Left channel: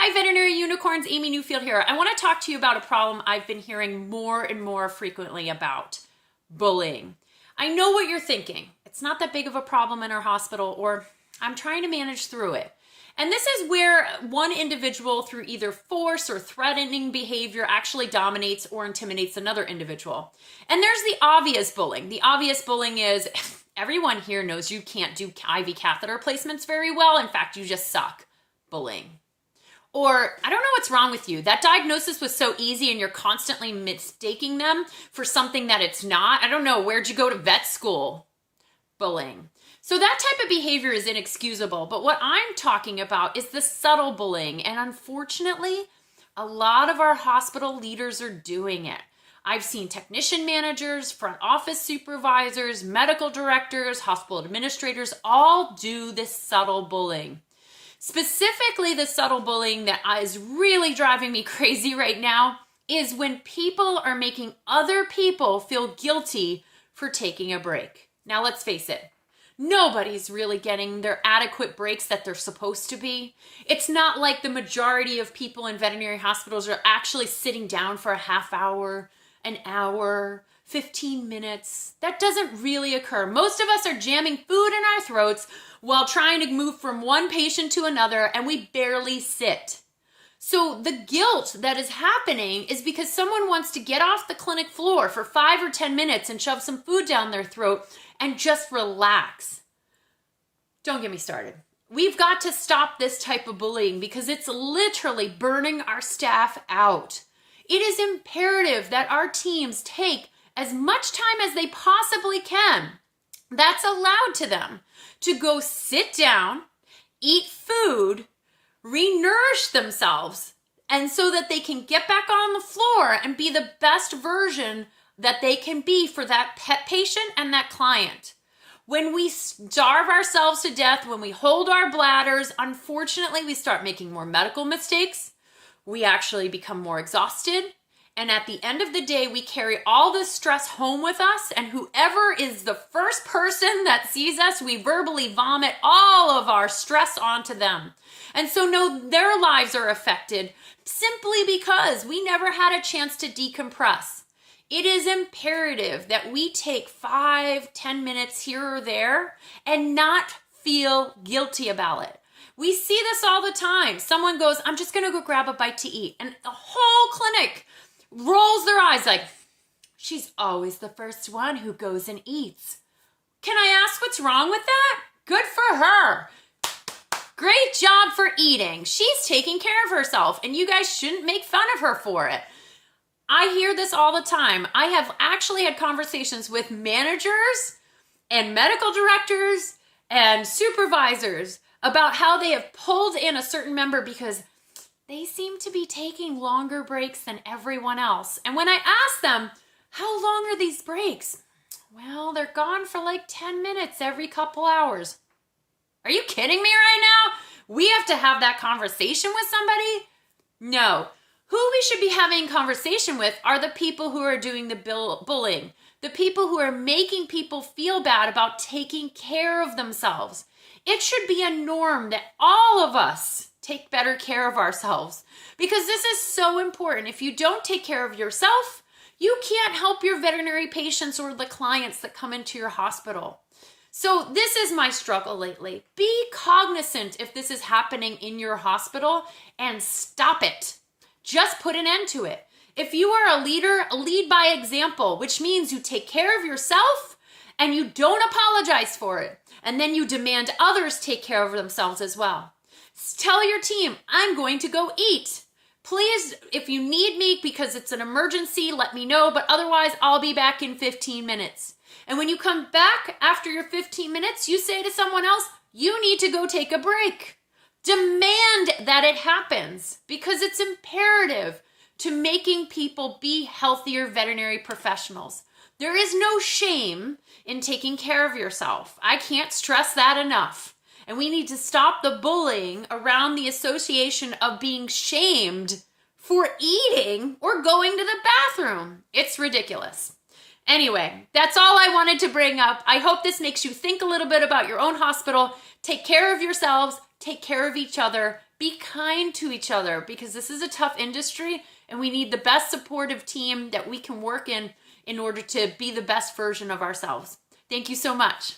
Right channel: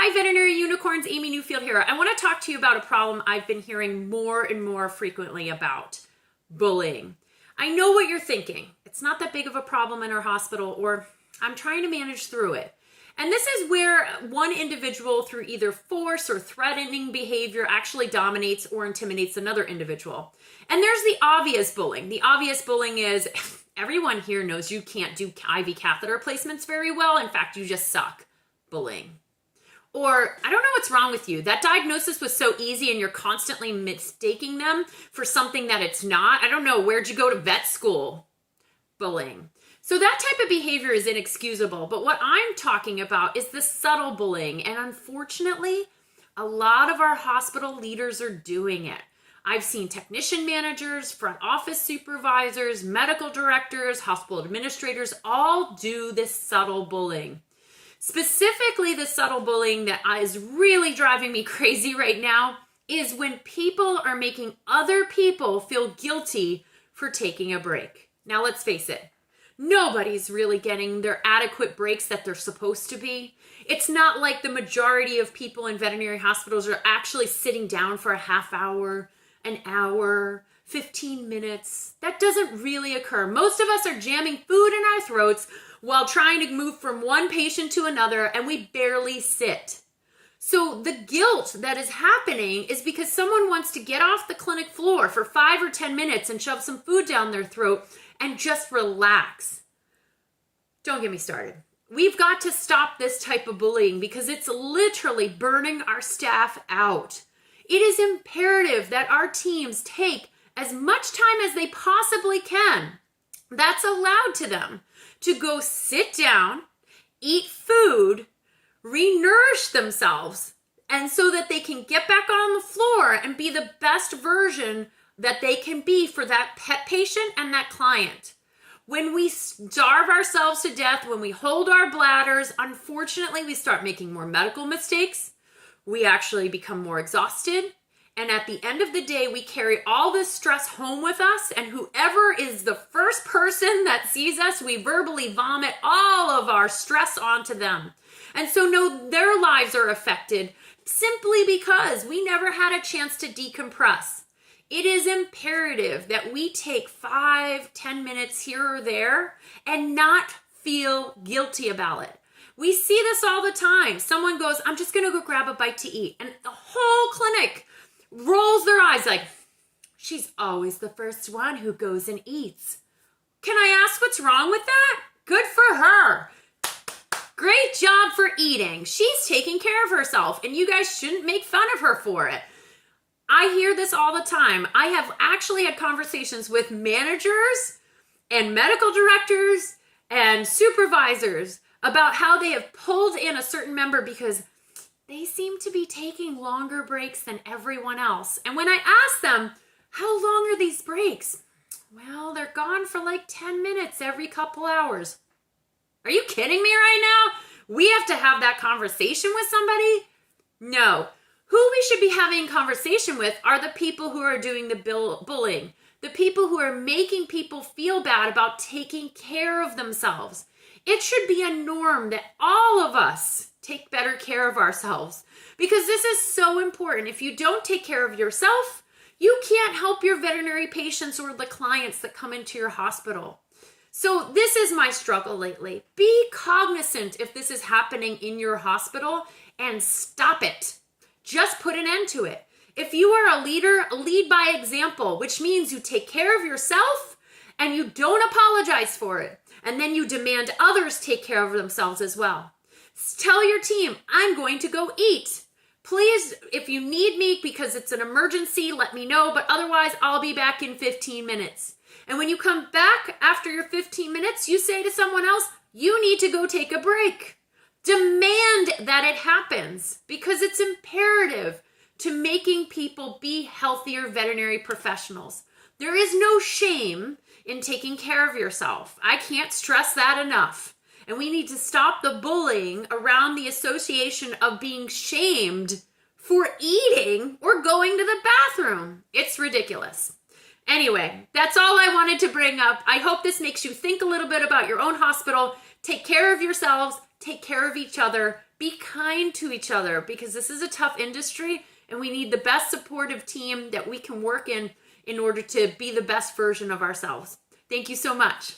Hi, Veterinary Unicorns, Amy Newfield here. I want to talk to you about a problem I've been hearing more and more frequently about, bullying. I know what you're thinking. It's not that big of a problem in our hospital, or I'm trying to manage through it. And this is where one individual, through either force or threatening behavior, actually dominates or intimidates another individual. And there's the obvious bullying. The obvious bullying is everyone here knows you can't do IV catheter placements very well. In fact, you just suck. Bullying. Or, I don't know what's wrong with you. That diagnosis was so easy and you're constantly mistaking them for something that it's not. I don't know, where'd you go to vet school? Bullying. So that type of behavior is inexcusable. But what I'm talking about is the subtle bullying. And unfortunately, a lot of our hospital leaders are doing it. I've seen technician managers, front office supervisors, medical directors, hospital administrators all do this subtle bullying. Specifically, the subtle bullying that is really driving me crazy right now is when people are making other people feel guilty for taking a break. Now, let's face it. Nobody's really getting their adequate breaks that they're supposed to be. It's not like the majority of people in veterinary hospitals are actually sitting down for a half hour, an hour, 15 minutes. That doesn't really occur. Most of us are jamming food in our throats while trying to move from one patient to another, and we barely sit. So the guilt that is happening is because someone wants to get off the clinic floor for 5 or 10 minutes and shove some food down their throat and just relax. Don't get me started. We've got to stop this type of bullying because it's literally burning our staff out. It is imperative that our teams take as much time as they possibly can that's allowed to them to go sit down, eat food, re-nourish themselves, and so that they can get back on the floor and be the best version that they can be for that pet patient and that client. When we starve ourselves to death, when we hold our bladders, unfortunately, we start making more medical mistakes. We actually become more exhausted. And at the end of the day, we carry all this stress home with us. And whoever is the first person that sees us, we verbally vomit all of our stress onto them. And so no, their lives are affected simply because we never had a chance to decompress. It is imperative that we take 5-10 minutes here or there and not feel guilty about it. We see this all the time. Someone goes, I'm just going to go grab a bite to eat. And the whole clinic rolls their eyes like, she's always the first one who goes and eats. Can I ask what's wrong with that? Good for her. Great job for eating. She's taking care of herself, and you guys shouldn't make fun of her for it. I hear this all the time. I have actually had conversations with managers and medical directors and supervisors about how they have pulled in a certain member because they seem to be taking longer breaks than everyone else. And when I ask them, how long are these breaks? Well, they're gone for like 10 minutes every couple hours. Are you kidding me right now? We have to have that conversation with somebody? No. Who we should be having a conversation with are the people who are doing the bullying, the people who are making people feel bad about taking care of themselves. It should be a norm that all of us take better care of ourselves because this is so important. If you don't take care of yourself, you can't help your veterinary patients or the clients that come into your hospital. So this is my struggle lately. Be cognizant if this is happening in your hospital and stop it. Just put an end to it. If you are a leader, lead by example, which means you take care of yourself and you don't apologize for it. And then you demand others take care of themselves as well. Tell your team, I'm going to go eat. Please, if you need me because it's an emergency, let me know. But otherwise, I'll be back in 15 minutes. And when you come back after your 15 minutes, you say to someone else, you need to go take a break. Demand that it happens because it's imperative to making people be healthier veterinary professionals. There is no shame in taking care of yourself. I can't stress that enough. And we need to stop the bullying around the association of being shamed for eating or going to the bathroom. It's ridiculous. Anyway, that's all I wanted to bring up. I hope this makes you think a little bit about your own hospital. Take care of yourselves. Take care of each other. Be kind to each other because this is a tough industry and we need the best supportive team that we can work in order to be the best version of ourselves. Thank you so much.